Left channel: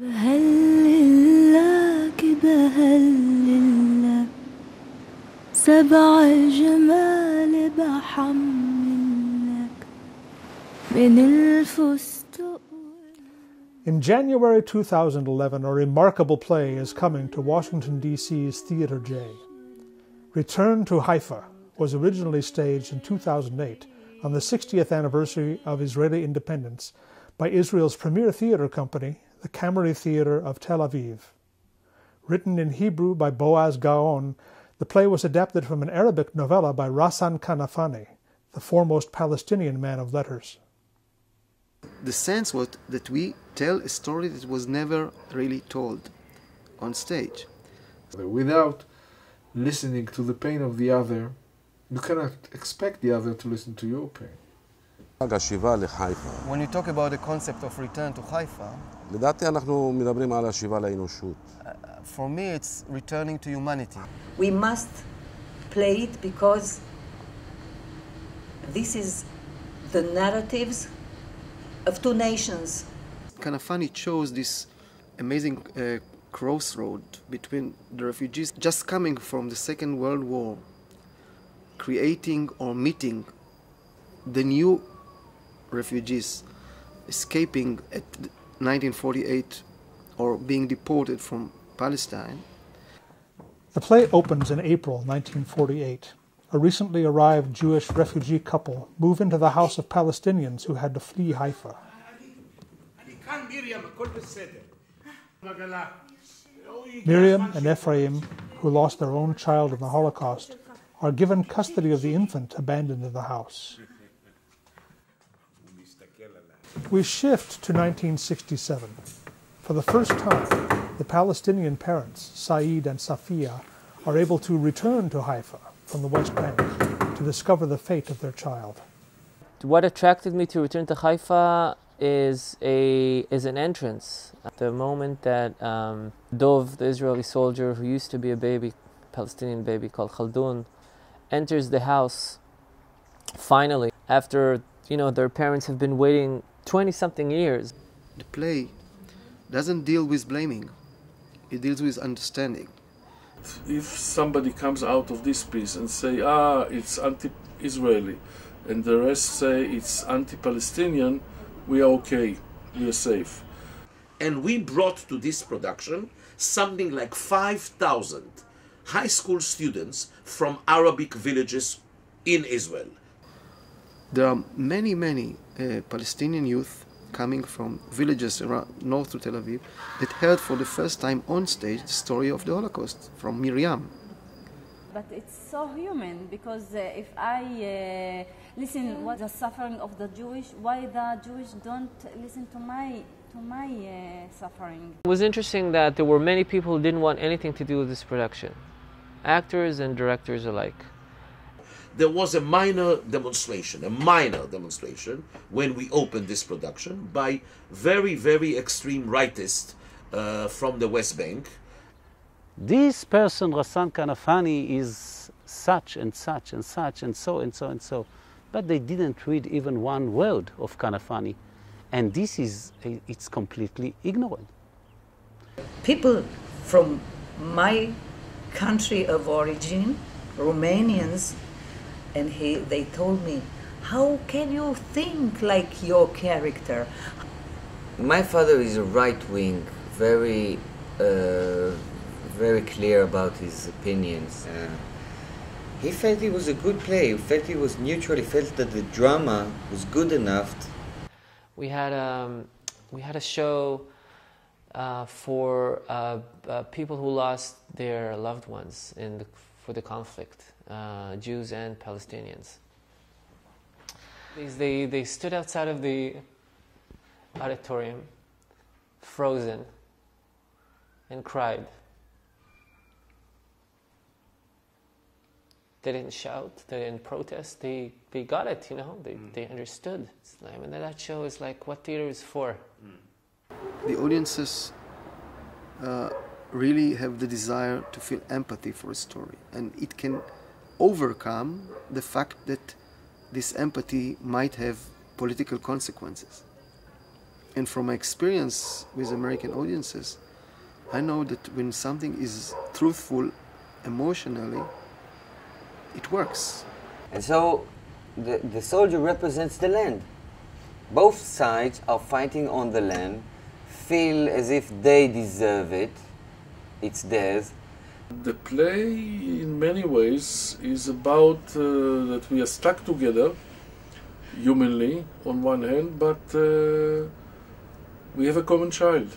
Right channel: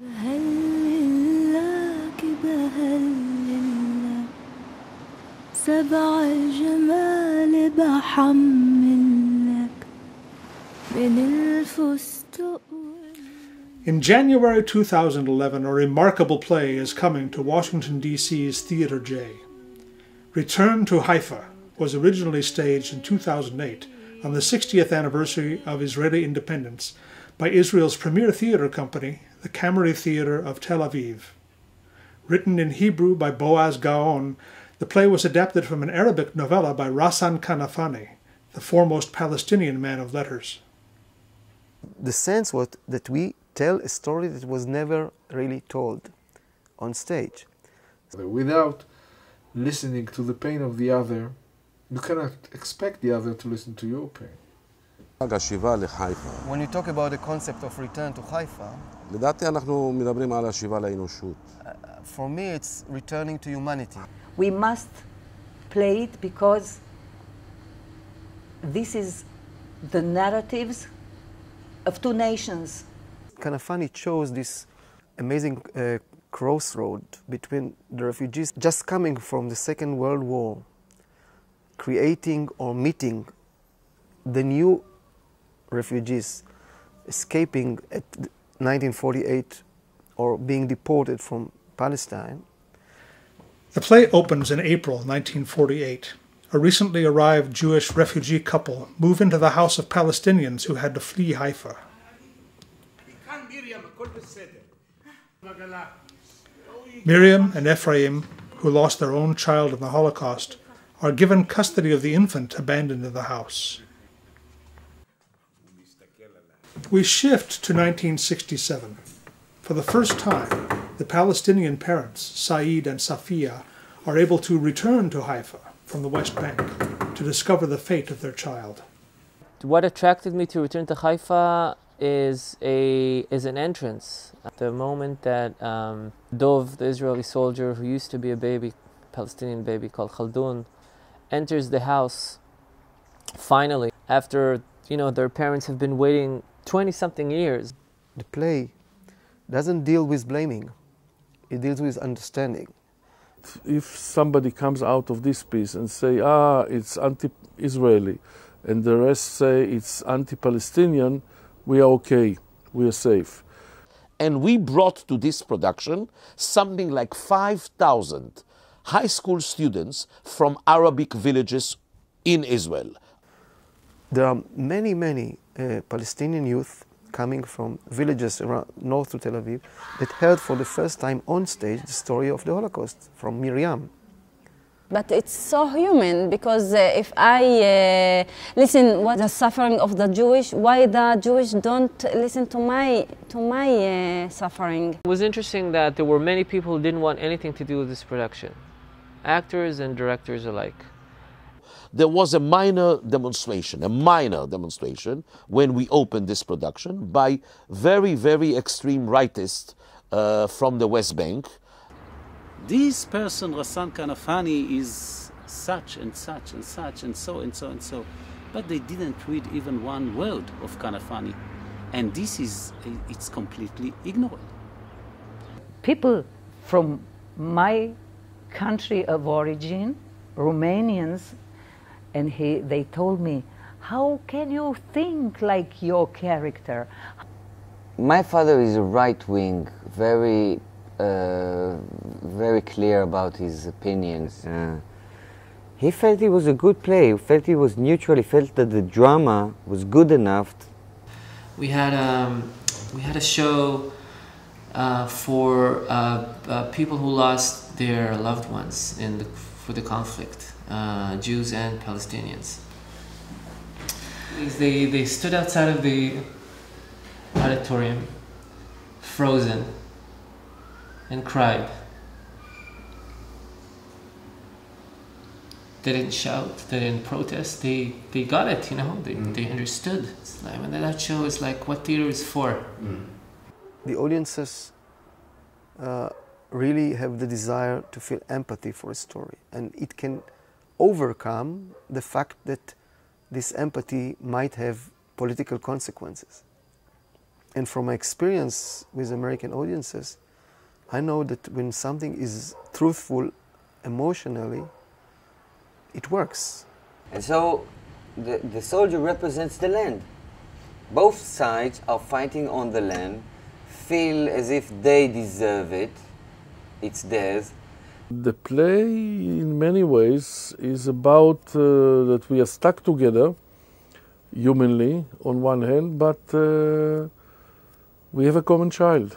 بهللك بهللك سبع جمال بحملك من الفستق. In January 2011, a remarkable play is coming to Washington, D.C.'s Theater J. Return to Haifa was originally staged in 2008 on the 60th anniversary of Israeli independence by Israel's premier theater company, the Kamari Theater of Tel Aviv. Written in Hebrew by Boaz Gaon, the play was adapted from an Arabic novella by Ghassan Kanafani, the foremost Palestinian man of letters. The sense was that we tell a story that was never really told on stage. Without listening to the pain of the other, you cannot expect the other to listen to your pain. When you talk about the concept of return to Haifa, for me it's returning to humanity. We must play it because this is the narratives of two nations. Kanafani chose this amazing crossroad between the refugees just coming from the Second World War, creating or meeting the new refugees escaping at 1948 or being deported from Palestine. The play opens in April 1948. A recently arrived Jewish refugee couple move into the house of Palestinians who had to flee Haifa. Miriam and Ephraim, who lost their own child in the Holocaust, are given custody of the infant abandoned in the house. We shift to 1967. For the first time, the Palestinian parents, Saeed and Safiya, are able to return to Haifa from the West Bank to discover the fate of their child. What attracted me to return to Haifa is an entrance. At the moment that Dov, the Israeli soldier who used to be a baby, Palestinian baby called Khaldun, enters the house, finally, after their parents have been waiting 20-something years. The play doesn't deal with blaming, it deals with understanding. If somebody comes out of this piece and say, it's anti-Israeli, and the rest say it's anti-Palestinian, we are okay, we are safe. And we brought to this production something like 5,000 high school students from Arabic villages in Israel. There are many Palestinian youth coming from villages around north to Tel Aviv that heard for the first time on stage the story of the Holocaust from Miriam. But it's so human, because if I listen what the suffering of the Jewish, why the Jewish don't listen to my suffering? It was interesting that there were many people who didn't want anything to do with this production, actors and directors alike. There was a minor demonstration when we opened this production by very extreme rightists from the West Bank. This person, Ghassan Kanafani, is such and such and such and so and so and so. But they didn't read even one word of Kanafani. And it's completely ignorant. People from my country of origin, Romanians, and they told me, how can you think like your character? My father is a right-wing, very clear about his opinions. He felt it was a good play. He felt it was neutral. He felt that the drama was good enough. We had a show for people who lost their loved ones for the conflict, Jews and Palestinians. They stood outside of the auditorium, frozen, and cried. They didn't shout, they didn't protest, they got it, they understood. It's like, when that show is like what theater is for. The audiences really have the desire to feel empathy for a story, and it can overcome the fact that this empathy might have political consequences. And from my experience with American audiences, I know that when something is truthful emotionally, it works. And so the soldier represents the land. Both sides are fighting on the land, feel as if they deserve it, it's theirs. The play, in many ways, is about that we are stuck together, humanly, on one hand, but we have a common child.